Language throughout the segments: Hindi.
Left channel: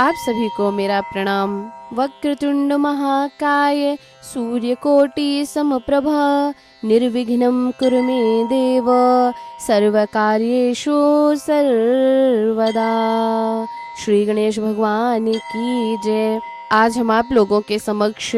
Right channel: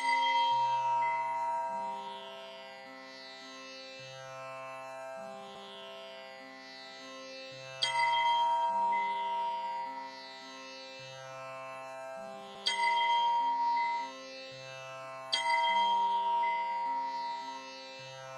आप सभी को मेरा प्रणाम। वक्रतुंड महाकाय सूर्यकोटि समप्रभा निर्विघ्नं कुरु मे देव सर्वकार्येषु सर्वदा। श्री गणेश भगवान की जय। आज हम आप लोगों के समक्ष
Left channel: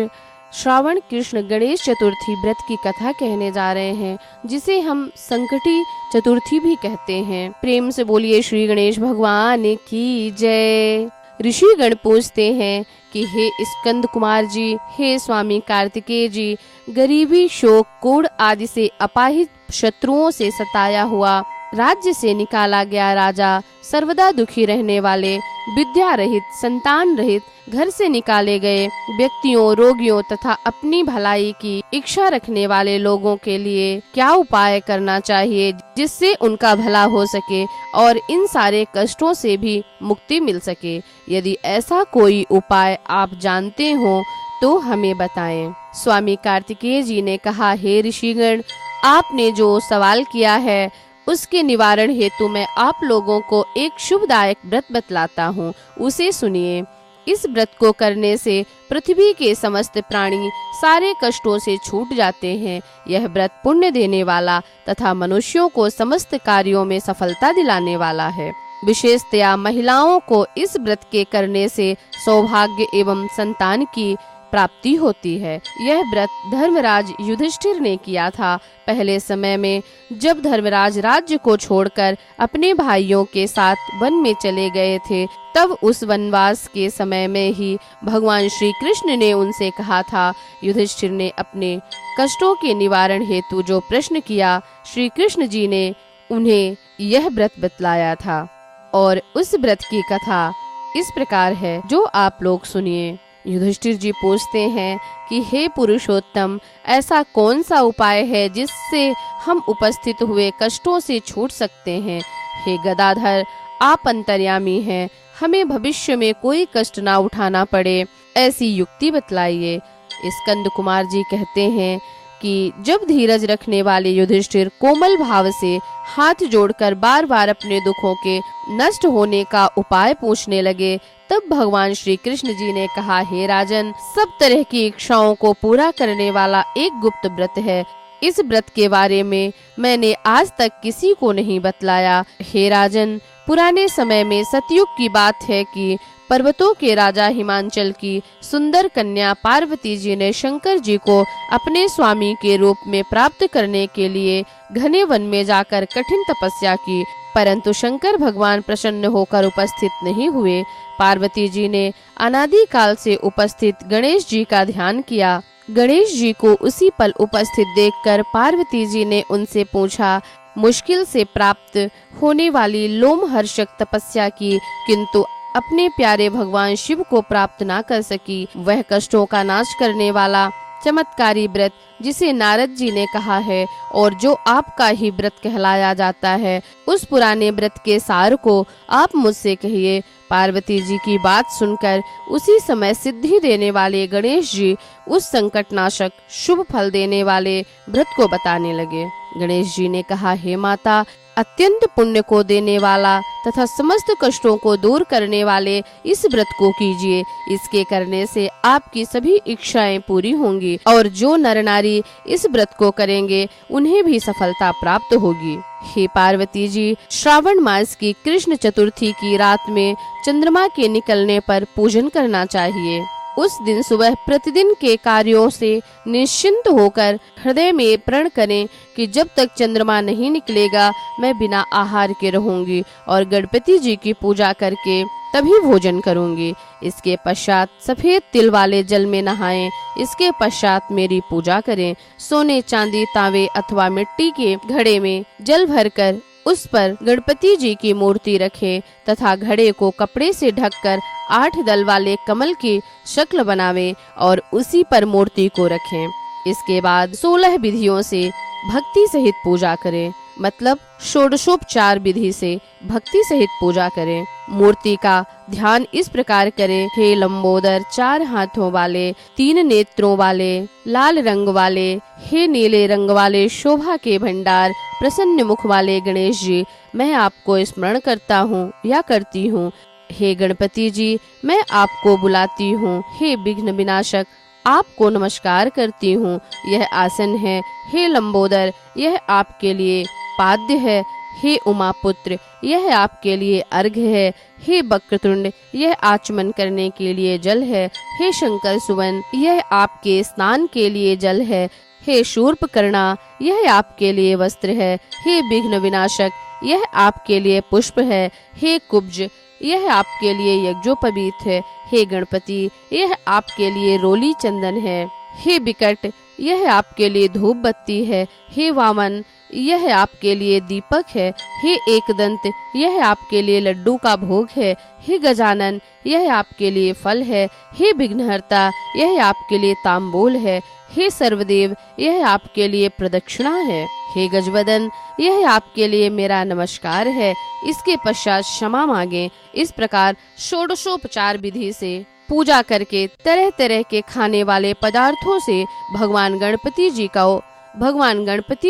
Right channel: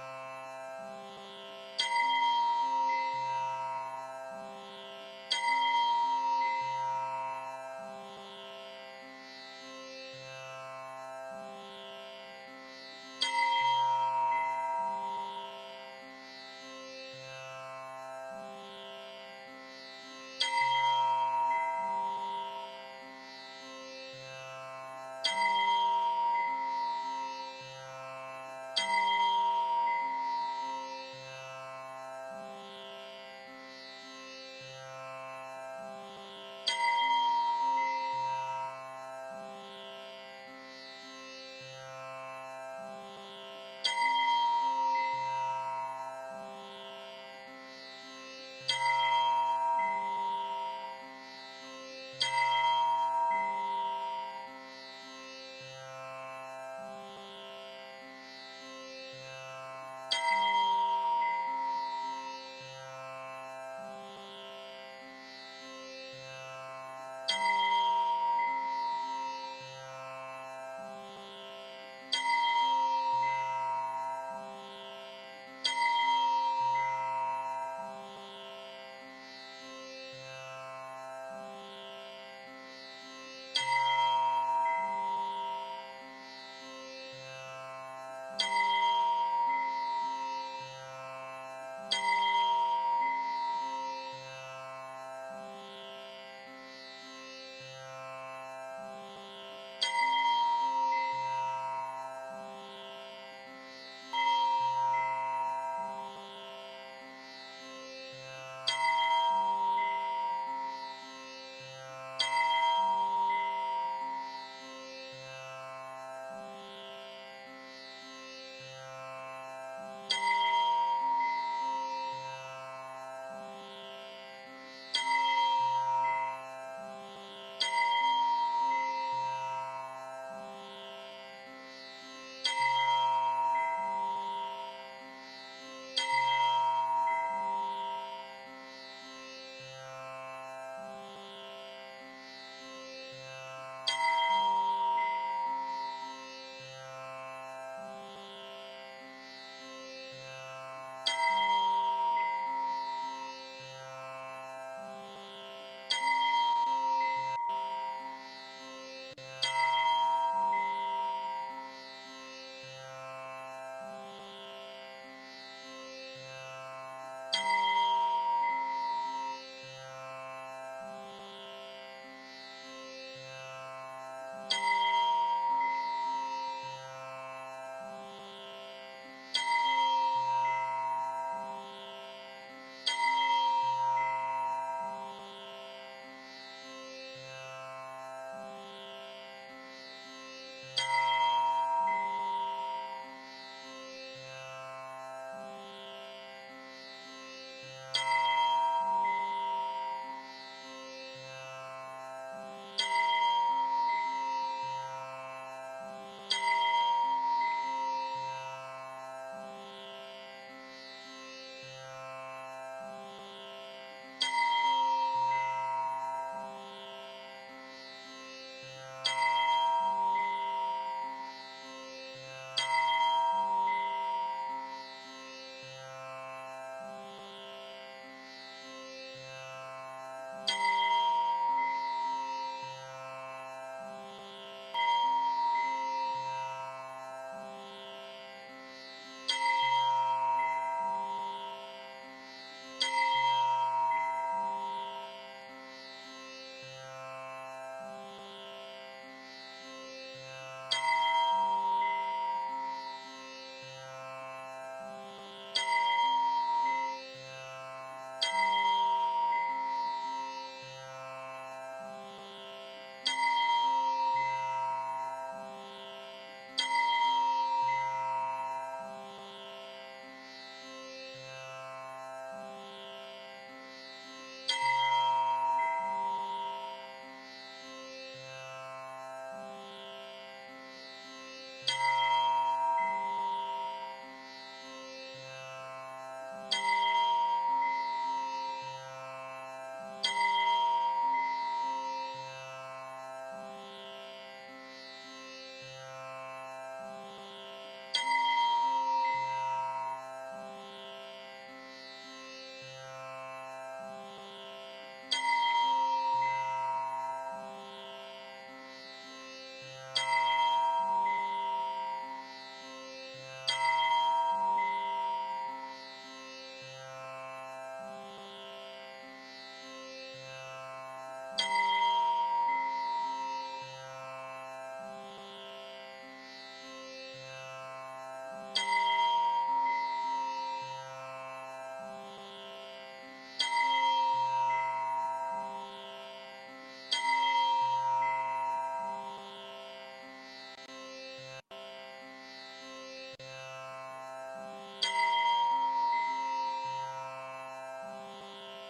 श्रावण कृष्ण गणेश चतुर्थी व्रत की कथा कहने जा रहे हैं, जिसे हम संकटी चतुर्थी भी कहते हैं। प्रेम से बोलिए श्री गणेश भगवान की जय। ऋषि गण पूछते हैं कि हे स्कंद कुमार जी, हे स्वामी कार्तिकेय जी, गरीबी, शोक, कूड़ आदि से अपाहिज शत्रुओं से सताया हुआ, राज्य से निकाला गया राजा, सर्वदा दुखी रहने वाले, विद्या रहित, संतान रहित, घर से निकाले गए व्यक्तियों, रोगियों तथा अपनी भलाई की इच्छा रखने वाले लोगों के लिए क्या उपाय करना चाहिए जिससे उनका भला हो सके और इन सारे कष्टों से भी मुक्ति मिल सके। यदि ऐसा कोई उपाय आप जानते हो तो हमें बताएं। स्वामी कार्तिकेय जी ने कहा, हे ऋषिगण, आपने जो सवाल किया है उसके निवारण हेतु मैं आप लोगों को एक शुभदायक व्रत बतलाता हूँ, उसे सुनिए। इस व्रत को करने से पृथ्वी के समस्त प्राणी सारे कष्टों से छूट जाते हैं। यह व्रत पुण्य देने वाला तथा मनुष्यों को समस्त कार्यों में सफलता दिलाने वाला है। विशेषतया महिलाओं को इस व्रत के करने से सौभाग्य एवं संतान की प्राप्ति होती है। यह व्रत धर्मराज युधिष्ठिर ने किया था। पहले समय में जब धर्मराज राज्य को छोड़कर अपने भाइयों के साथ वन में चले गए थे, तब उस वनवास के समय में ही भगवान श्री कृष्ण ने उनसे कहा था। युधिष्ठिर ने अपने कष्टों के निवारण हेतु जो प्रश्न किया, श्री कृष्ण जी ने उन्हें यह व्रत बतलाया था। और उस व्रत की कथा इस प्रकार है, जो आप लोग सुनिए। युधिष्ठिर जी पूछते हैं कि हे पुरुषोत्तम, ऐसा कौन सा उपाय है जिससे हम उपस्थित हुए कष्टों से छूट सकते हैं। हे गदाधर, आप अंतर्यामी हैं, हमें भविष्य में कोई कष्ट ना उठाना पड़े, ऐसी युक्ति बतलाइए। स्कंद कुमार जी कहते हैं कि जब धीरज रखने वाले युधिष्ठिर कोमल भाव से हाथ जोड़कर बार बार अपने दुखों के नष्ट होने का उपाय पूछने लगे, तब भगवान श्री कृष्ण जी ने कहा, हे राजन, सब तरह की इच्छाओं को पूरा करने वाला एक गुप्त व्रत है। इस व्रत के बारे में मैंने आज तक किसी को नहीं बतलाया। हे राजन, पुराने समय में सतयुग की बात है कि पर्वतों के राजा हिमांचल की सुंदर कन्या पार्वती जी ने शंकर जी को अपने स्वामी के रूप में प्राप्त करने के लिए घने वन में जाकर कठिन तपस्या की, परंतु शंकर भगवान प्रसन्न होकर उपस्थित नहीं हुए। पार्वती जी ने अनादि काल से उपस्थित गणेश जी का ध्यान किया। गणेश जी को उसी पल उपस्थित देखकर पार्वती जी ने उनसे पूछा, मुश्किल से प्राप्त होने वाली लोमहर्षक तपस्या की, किंतु अपने प्यारे भगवान शिव को प्राप्त ना कर सकी। वह कष्टों का नाश करने वाला चमत्कारी व्रत जिसे नारद जी ने कहा है और जो आपका ही व्रत कहलाया जाता है, उस पुराने व्रत के सार को आप मुझसे कहिए। पार्वती जी की बात सुनकर उसी समय सिद्धि देने वाले गणेश जी उस संकटनाशक शुभ फल देने वाले व्रत को बताने लगे। गणेश जी ने कहा, हे माता, अत्यंत पुण्य को देने वाला तथा समस्त कष्टों को दूर करने वाले इस व्रत को कीजिए। इसके करने से आपकी सभी इच्छाएं पूरी होंगी और जो नर नारी इस व्रत को करेंगे उन्हें भी सफलता प्राप्त होगी। हे पार्वती जी, श्रावण मास की कृष्ण चतुर्थी की रात में चंद्रमा के निकलने पर पूजन करना चाहिए। उस दिन सुबह प्रतिदिन के कार्यों से निश्चिंत होकर हृदय में प्रण करें कि जब तक चंद्रमा नहीं निकलेगा मैं बिना आहार के रहूंगी और गणपति जी की पूजा करके तभी भोजन करूंगी। इसके पश्चात सफेद तिल वाले जल में नहाएं। इसके पश्चात मेरी पूजा करें। सोने, चांदी, तांबे अथवा मिट्टी के घड़े में जल भरकर उस पर गणपति जी की मूर्ति रखें तथा घड़े को कपड़े से ढककर 8 दल वाले कमल की शक्ल बनावें और उसी पर मूर्ति को रखें। इसके बाद 16 विधियों से भक्ति सहित पूजा करें, मतलब षोडशोपचार विधि से भक्ति सहित पूजा करें। मूर्ति का ध्यान इस प्रकार करें, हे लंबोदर, 4 हाथों वाले, 3 नेत्रों वाले, लाल रंग वाले, हे नीले रंग वाले, शोभा के भंडार, प्रसन्न मुख वाले गणेश जी, मैं आपको स्मरण करता हूँ या करती हूँ। हे गणपति जी, मैं आपको बुलाती हूँ। हे विघ्न विनाशक, आपको नमस्कार करती हूँ। यह आसन है। हे लंबोदर, यह आपके लिए पाद्य है। हे उमापुत्र, यह आपके लिए अर्घ्य है। हे वक्रतुंड, यह आचमन करने के लिए जल है। हे शंकर सुवन, यह आपके स्नान के लिए जल है। हे शूर्पकर्णा, यह आपके लिए वस्त्र है। हे विघ्न विनाशक, यह आपके लिए पुष्प है। हे कुब्ज, यह आपके लिए यज्ञोपवीत है। हे गणपति, यह आपके लिए रोली चंदन है। हे विकट, यह आपके लिए धूप बत्ती है। हे वामन, यह आपके लिए दीपक है। हे एकदंत, यह आपके लिए लड्डू का भोग है। हे गजानन, यह आपके लिए फल है। हे विघ्नहर्ता, यह आपके लिए तांबूल है। हे सर्वदेव, यह आपके लिए प्रदक्षिणा है। हे गजवदन, यह आपके लिए मेरा नमस्कार है। इसके पश्चात क्षमा मांगे। इस प्रकार षोडशोपचार विधि से पूजा करके तरह तरह के खाने वाले पदार्थों से भगवान गणपति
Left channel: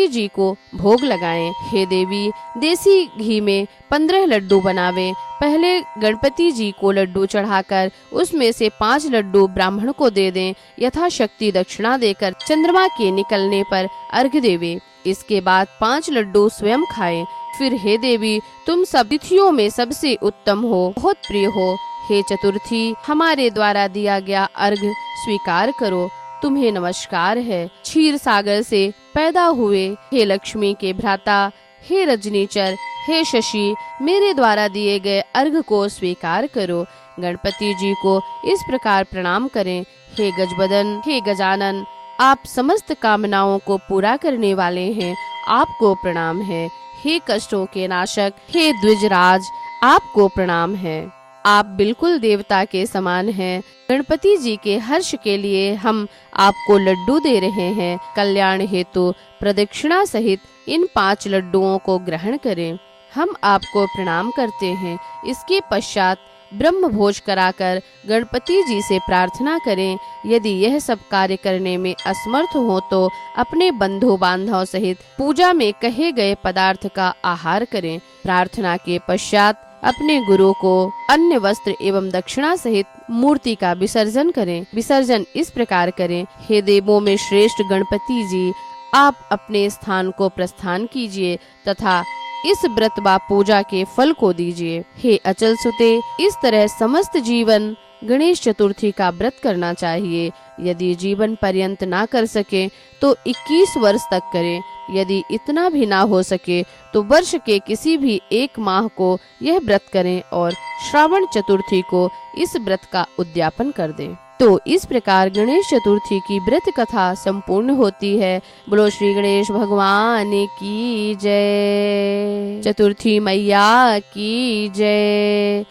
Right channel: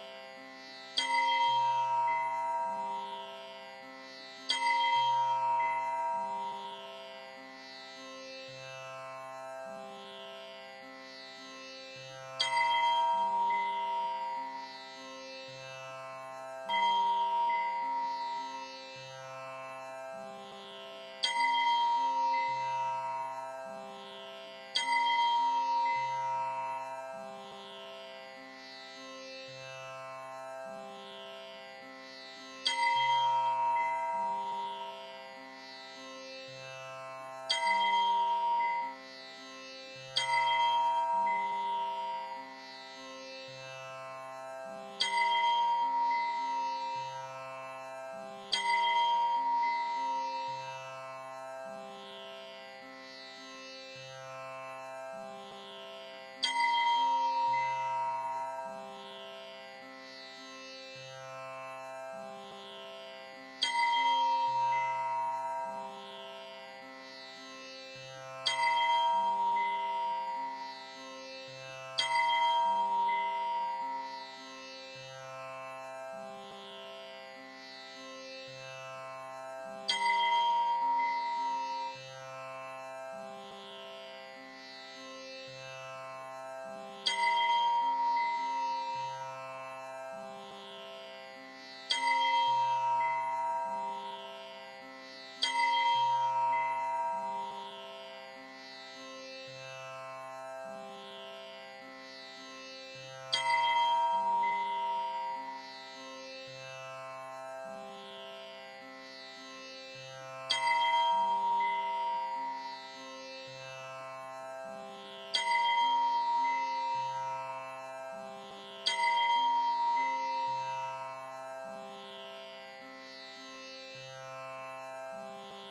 जी को भोग लगाएं। हे देवी, देसी घी में 15 लड्डू बनावे। पहले गणपति जी को लड्डू चढ़ाकर उसमें से 5 लड्डू ब्राह्मण को दे दें। यथाशक्ति दक्षिणा देकर चंद्रमा के निकलने पर अर्घ्य देवे। इसके बाद 5 लड्डू स्वयं खाएं। फिर हे देवी, तुम सब तिथियों में सबसे उत्तम हो, बहुत प्रिय हो। हे चतुर्थी, हमारे द्वारा दिया गया अर्घ्य स्वीकार करो। तुम्हें नमस्कार है। क्षीर सागर से पैदा हुए हे लक्ष्मी के भ्राता, हे रजनीचर, हे शशि, मेरे द्वारा दिए गए अर्घ्य को स्वीकार करो। गणपति जी को इस प्रकार प्रणाम करें। हे गजबदन, हे गजानन, आप समस्त कामनाओं को पूरा करने वाले हैं, आपको प्रणाम है। हे कष्टों के नाशक, हे द्विजराज, आपको प्रणाम है। आप बिल्कुल देवता के समान हैं। गणपति जी के हर्ष के लिए हम आपको लड्डू दे रहे हैं। कल्याण हेतु प्रदक्षिणा सहित इन 5 लड्डुओं को ग्रहण करें। हम आपको प्रणाम करते हैं। इसके पश्चात ब्रह्म भोज कराकर गणपति जी से प्रार्थना करें। यदि यह सब कार्य करने में असमर्थ हो तो अपने बंधु बांधव सहित पूजा में कहे गए पदार्थ का आहार करें। प्रार्थना के पश्चात अपने गुरु को अन्य वस्त्र एवं दक्षिणा सहित मूर्ति का विसर्जन करें। विसर्जन इस प्रकार करें। हे देवों में श्रेष्ठ गणपति जी, आप अपने स्थान को प्रस्थान कीजिए तथा इस व्रत व पूजा के फल को दीजिए। हे अचल सुते, इस तरह समस्त जीवन गणेश चतुर्थी का व्रत करना चाहिए। यदि जीवन पर्यंत ना कर सके तो 21 वर्ष तक करें। यदि इतना भी ना हो सके तो वर्ष के किसी भी एक माह को यह व्रत करें और श्रावण चतुर्थी को इस व्रत का उद्यापन कर दें। तो इस प्रकार गणेश चतुर्थी की व्रत कथा संपूर्ण होती है। बोलो श्री गणेश भगवान की जय। चतुर्थी मैया की जय।